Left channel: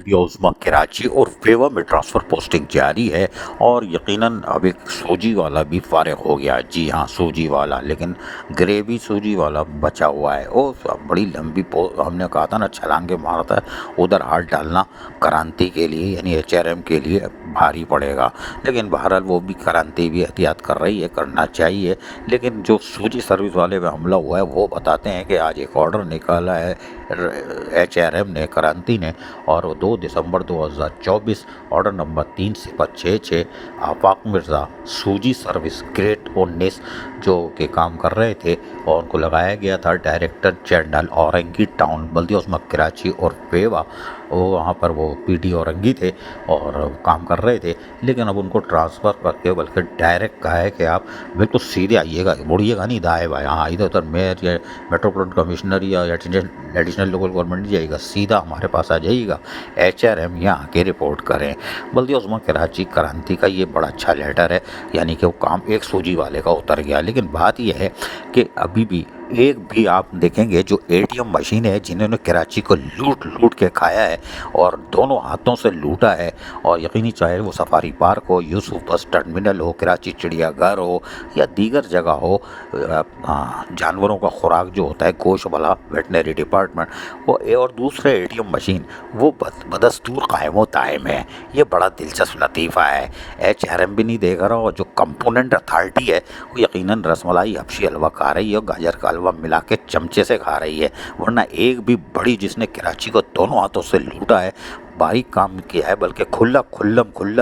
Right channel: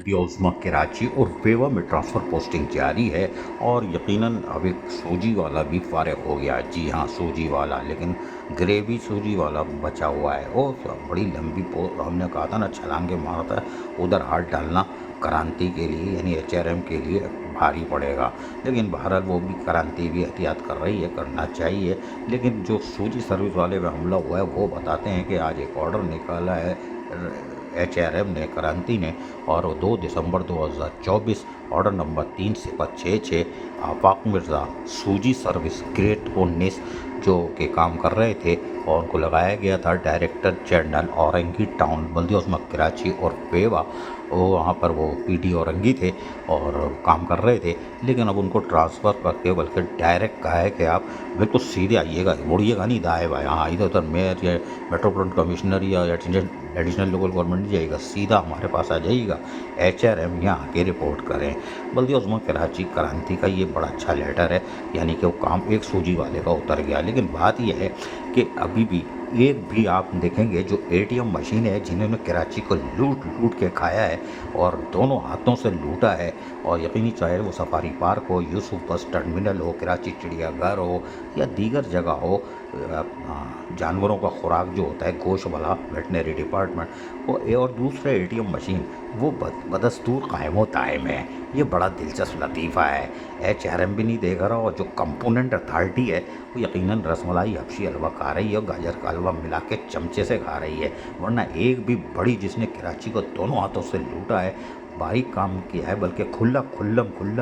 बल्दिया उस्मा कराची और वेवा में transfer posting जारी है और यकीनन अब एक सूजी वाला भी फारिग हो गया। जी हाँ, सूजी वाला, लेकिन ग्रेवी सूजी वाला बचा हुआ है। वो बड़ी लंबी हमने कहा था ना छलांगे मारता है, उधर हाथ डालना क्रांति के लिए यानी एचआरएम के लिए भारी पड़ेगा। लेकिन बहरहाल वो भी क्रांति भी एहतियात कर रही है, करना चाहिए। लेकिन जो सूजी सर्विस वाले पे हमला हुआ है वो बताते हैं कि आज एक ऑर्डर निकाला है एचआरएम ने, क्रांति ने, और 2 दिसंबर 2024 ऑर्डर नंबर 3 सिफर 66 आफाक मिर्ज़ा सूजी सर्विस ग्रेट 19 जो के काम कर रहे थे और उनको लगाया गया था डायरेक्टर जनरल औरंगी टाउन बल्दिया उस्मा कराची और वेवा। वो वहाँ पर वो पीडी औरंगी थे और काम कर रहे थे, लेकिन अब उनको ट्रांसफ़र करके बल्कि डायरेक्ट कहा है कि आप बिल्कुल सीधे आइएगा, मुड़िएगा नहीं दाएँ बाएँ, हाँ इधर उधर मेयर या मेट्रोपॉलिटन कमिश्नर या एडिशनल लोकल गवर्नमेंट नहीं जाइएगा, सीधा हमारे पास आ जाइएगा, एचआरएम यहाँ आके रिपोर्ट करें। बल्दिया उस्मा कराची क्रांति का ये बड़ा अच्छा लेटर है, यानी कि वो काम एक सूजी वाले का उतर गया। लेकिन बात यह है कि अभी भी एक भी आप देखेंगे जो एटीएम मशीन है जिन्होंने कराची को लूट लूट के खाया है और दोनों हाथों से लूटा है, और यकीनी चाहे वो सफारी पार्क हो, यूसुफ बस टर्मिनल हो, कराची चिड़ियाघर हो या दीगर जगह हो, जानवरों का खुराक जो होता है गोश्त वाला वेटनरी डिपार्टमेंट वो और दूसरे एटीएम मशीन वो बदस्तूर कायम व दायम है। ये बड़ा दिलचस्प लतीफ़ा है। एचआरएम भी नहीं देख रहा और जो कंपोनेंट अथॉरिटी है वो यकीनन रसमलाई हबशी हलवा खा रही है और गाजर का हलवा मिला के चमचे से खा रही है, वरना एक भी बड़ी जिसने कराची को दोनों हाथों से लूटा है, बारीक काम किया है, बल्कि खुला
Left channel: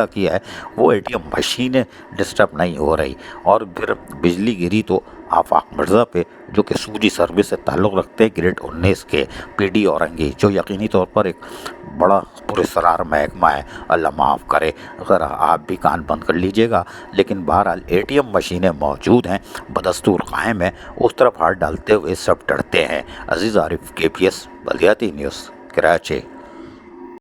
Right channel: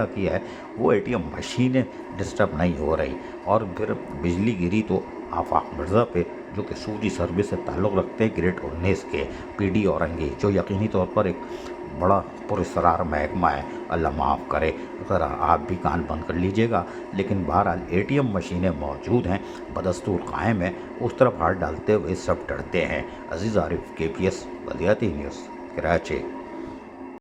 किया है, वो एटीएम मशीनें डिस्टर्ब नहीं हो रही। और फिर बिजली गिरी तो आफाक मिर्ज़ा पे जो कि सूजी सर्विस से ताल्लुक़ रखते हैं ग्रेड 19 के पीडी औरंगी, जो यकीनी तौर पर एक बड़ा पुरस्कार महकमा है, अल्लाह माफ़ करे। अगर आप भी कान बंद कर लीजिएगा, लेकिन बहरहाल एटीएम मशीनें मौजूद हैं, बदस्तूर कायम है, उस तरफ हाथ डालते हुए सब डरते हैं। अजीज़ आरिफ, केपीएस बल्दियाती न्यूज़, कराची।